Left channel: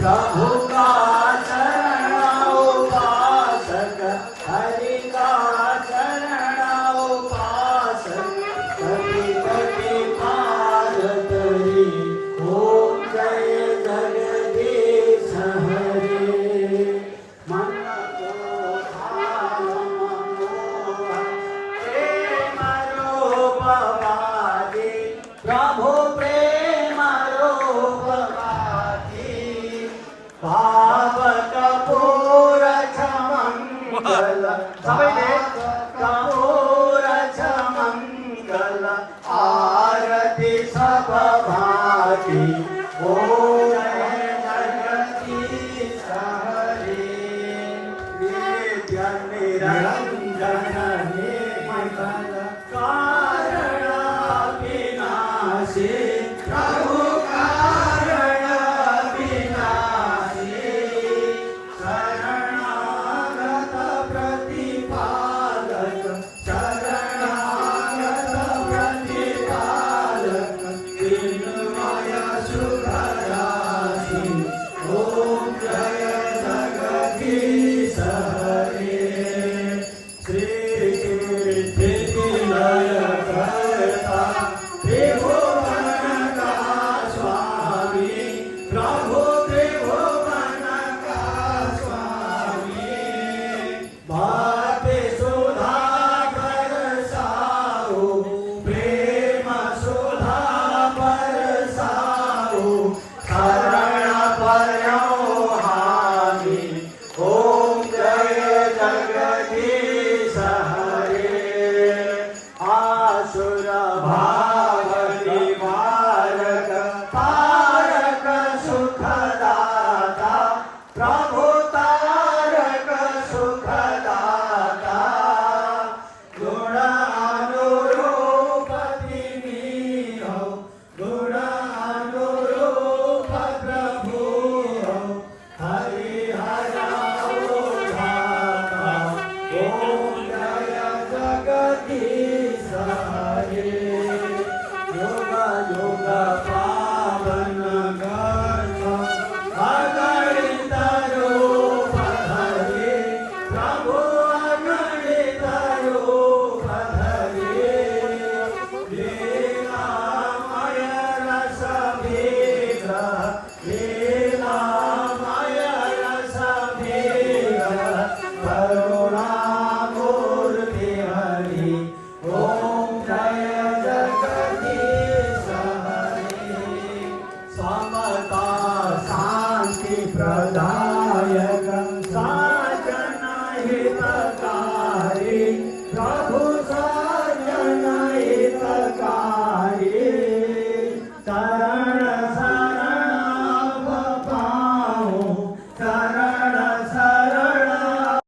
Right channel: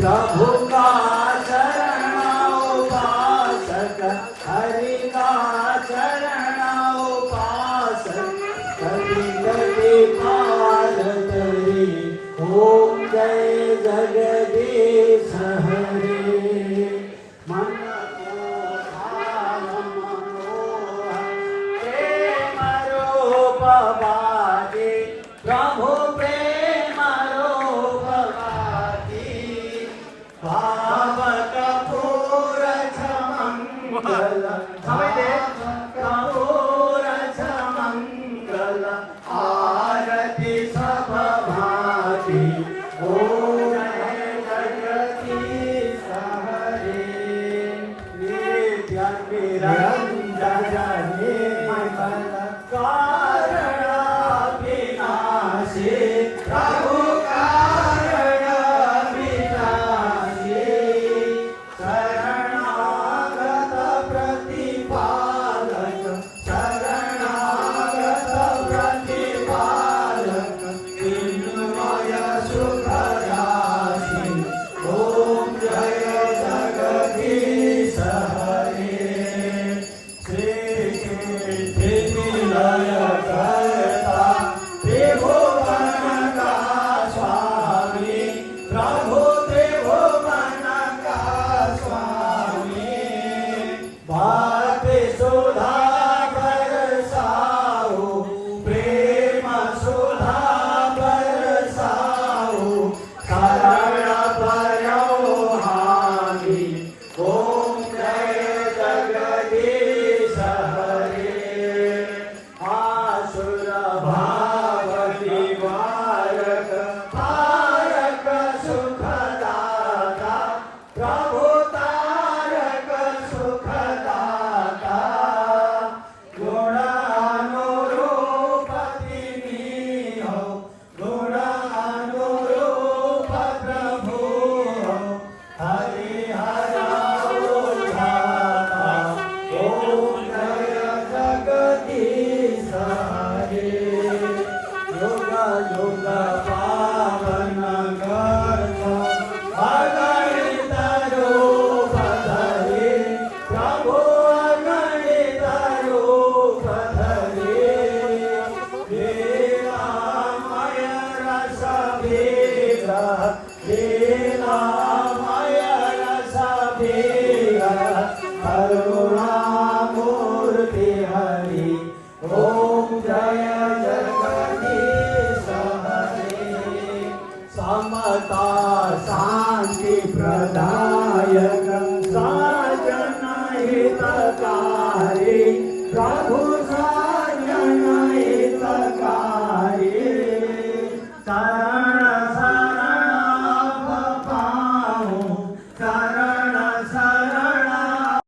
प्रभु का चरण उपासक, हरि का चरण उपासक, कभी कभी भारत ओम जय जगदीश हरे। मन को भाव मनोहर प्रेम रूप बाजे, प्रभु प्रेम रूप बाजे, भाव कपूर मंगल, कपूर मंगल, आरती सब भाती, ओम जगदीश हरे। निरंजन निर्मल कारण विनाशी, प्रभु कारण विनाशी, शरणागत प्रतिपालक, शरणागत प्रतिपालक, चिन्मय सुख राशि, ओम जय जगदीश हरे। श्री लय करता त्रिभुवन का स्वामी, प्रभु त्रिभुवन का स्वामी, भक्ति सुधा बरसाओ, प्रेम सुधा बरसाओ, शरण पर्यो हामी, ओम जय जगदीश हरे। आसुर भाव निवारक, तारक सुखदाता, प्रभु तारक सुखदाता, गुण अनुरूप तिनी हो, गुण अनुरूप प्रभु हो, हरिहर उद्धाता, ओम जय जगदीश हरे। युग युग पावन गर्भ, अगणित रूप धरे, प्रभु अगणित रूप धरे, लीलामय रस विग्रह, लीलामय रस विग्रह, करुणामूर्ति हरि, ओम जय जगदीश हरे। समता शांति प्रदायक,